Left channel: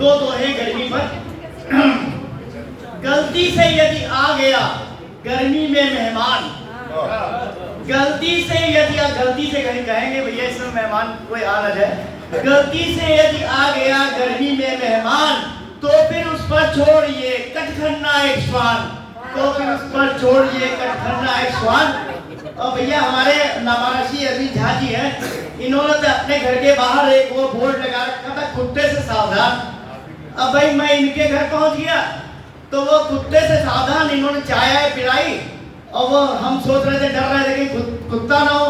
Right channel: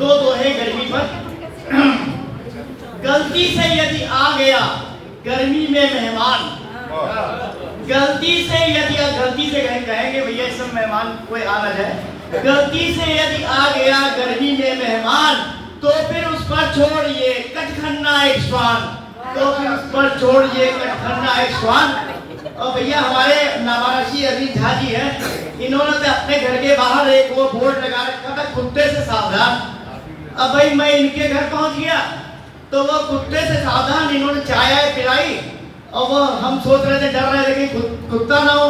दो दोहे गर्मी पर। गलती से यदि आ गया गर्मी में मेहमान, गलती से यदि गलती से कहेंगे भैया इसमें मेहमान कोई आ न जाए। गलती से यदि आ गया गर्मी में मेहमान, तो फिर उस पर छोड़िए कटखन्ना एक श्वान, तो फिर उस पर छोड़िए कटखन्ना एक श्वान। और भैया हमारे नामाराशी अरविंद झा जी हैं, इन्होंने तो अपने घर के बाहर एक वो बोर्ड लगा रखा था, कुत्ते से सावधान। अब भाई मैं इनके घर पहुंच गया तो वो कुत्ते से सावधान इन्होंने चाय पिलाई, और वो हम सोच रहे थे, डर रहे थे कि कुत्ता ना हो।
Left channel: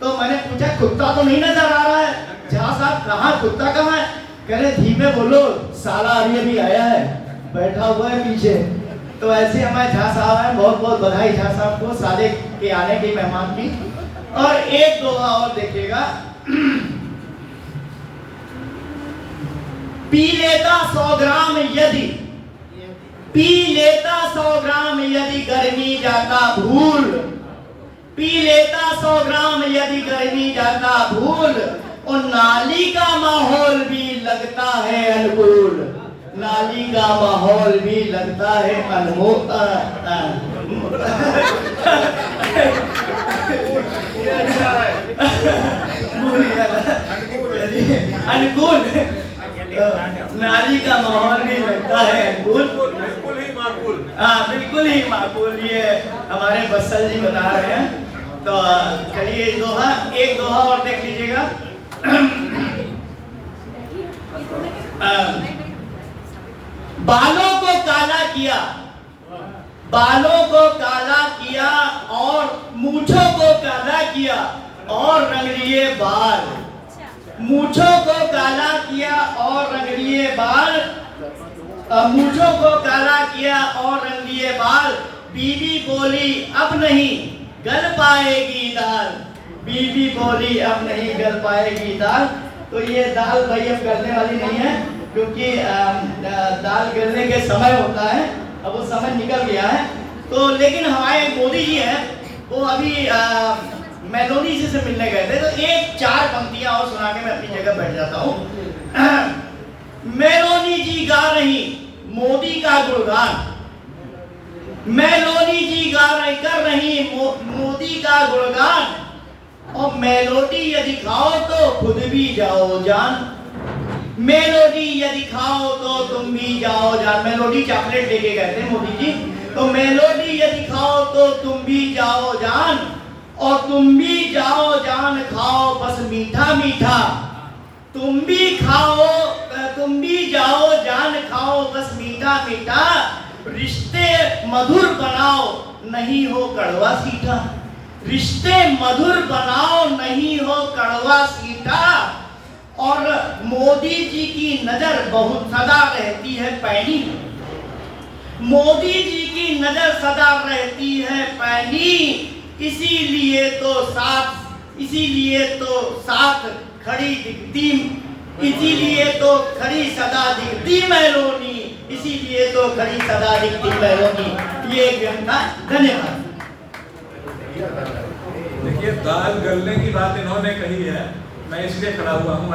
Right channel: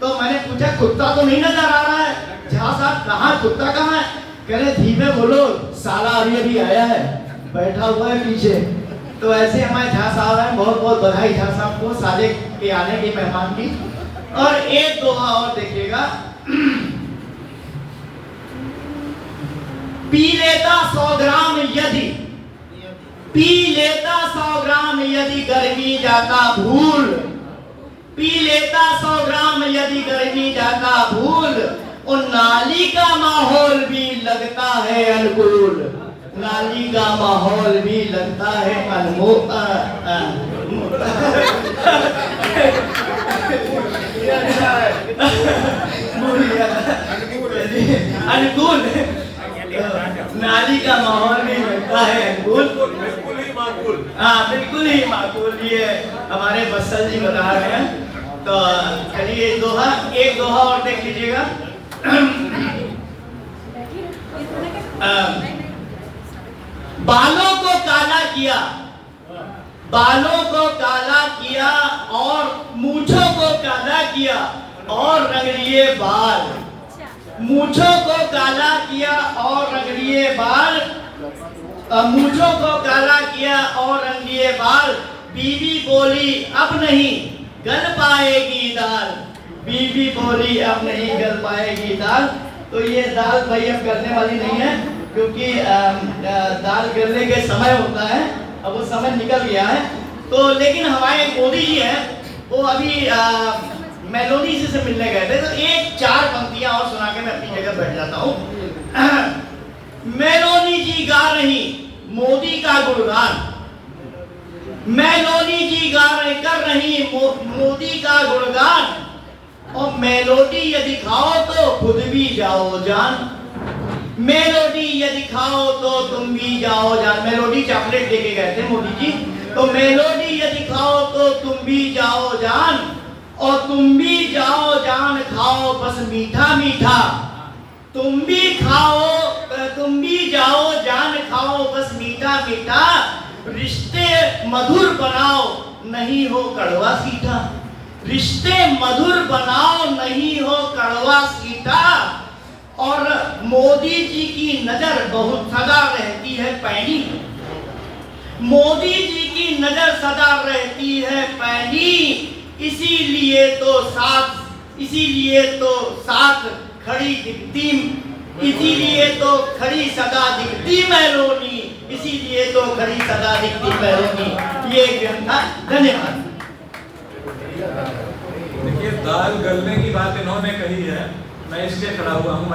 तो मैंने पूछा कुत्ता तो नहीं नजर आ रहा है झा साहब, कहाँ कुत्ता कहाँ है? कह रहे धीमे बोलो साला अभी आया है, बैठा हुआ है पीछे। तो ऐसे हमारे झा साहब हैं, बहुत बहुत बधाई झा साहब को साले के आने के मेहमान की। और एक दोहा और देखिएगा, पी लेता 100 ग्राम यदि, पी लेता 100 ग्राम यदि गर्मी जाता भूल, पी लेता 100 ग्राम यदि गर्मी जाता भूल, और नाली का माहौल भी लगता है अनुकूल, नाली का माहौल भी लगता है अनुकूल। नाली का माहौल भी लगता है अनुकूल, बिल्कुल ही माकूल। हाँ बिल्कुल ही माकूल, ये हमारे बस्सल जी बता रहे हैं। तो चलिए एक दोहा और देख लीजिएगा। बालों को काला किया, बालों को काला किया और मूंछों को काला किया और रंग लिए बाल, मूंछों को काला किया और रंग लिए बाल, मूंछों को काला किया और रंग लिए बाल। बीवी बोली अब नहीं गल पाएगी दाल, बीवी बोली अब नहीं गल पाएगी दाल। तो ये दाल भाई अब गलने वाली नहीं है, क्योंकि दाल गलने के समय होता है, अब वो समय निकल गया है। तो लेकिन हमारे मोदी जी हैं, वो अभी मेलोडी जी से मिलने गए थे, तो एक 4 पंक्तियां और सुना के मैं अपनी जगह बैठ जाता हूँ। मेलोडी जी गा रही मोदी का गुणगान, मेलोडी जी कर रही मोदी का गुणगान, और मेलोडी यदि खाओ तो खुद भी जाओ जान, मेलोडी यदि खाओ तो तुम भी जाओ जान। मेलोडी चॉकलेट लेके गए थे मोदी जी, तो मेलोडी यदि खाओ तो तुम भी जाओ जान, और तुम भी जाओ जान खाओ बस मीठा मीठा, तुम भी खाओ तुम भी जाओ जान खाओ बस मीठा मीठा, रिश्ते मधुर बनाओ नहीं हो कड़वा सीठा, रिश्ते मधुर बनाओ नहीं हो कड़वा सीठा। और मोदी जी की नजर बहुत सदा रहती है पैनी, मोदी जी की नजर सदा रहती है पैनी, इसीलिए तो साथ खड़ी दिखती, इसीलिए तो खड़ी सदा दिखती मेलोडी, इसीलिए तो खड़ी सदा दिखती मेलोडी। ये ज्ञान था, धन्यवाद। देखिए दाल गलने की बात इन्होंने कही है, मैं इसलिए खड़ा हुआ हूँ।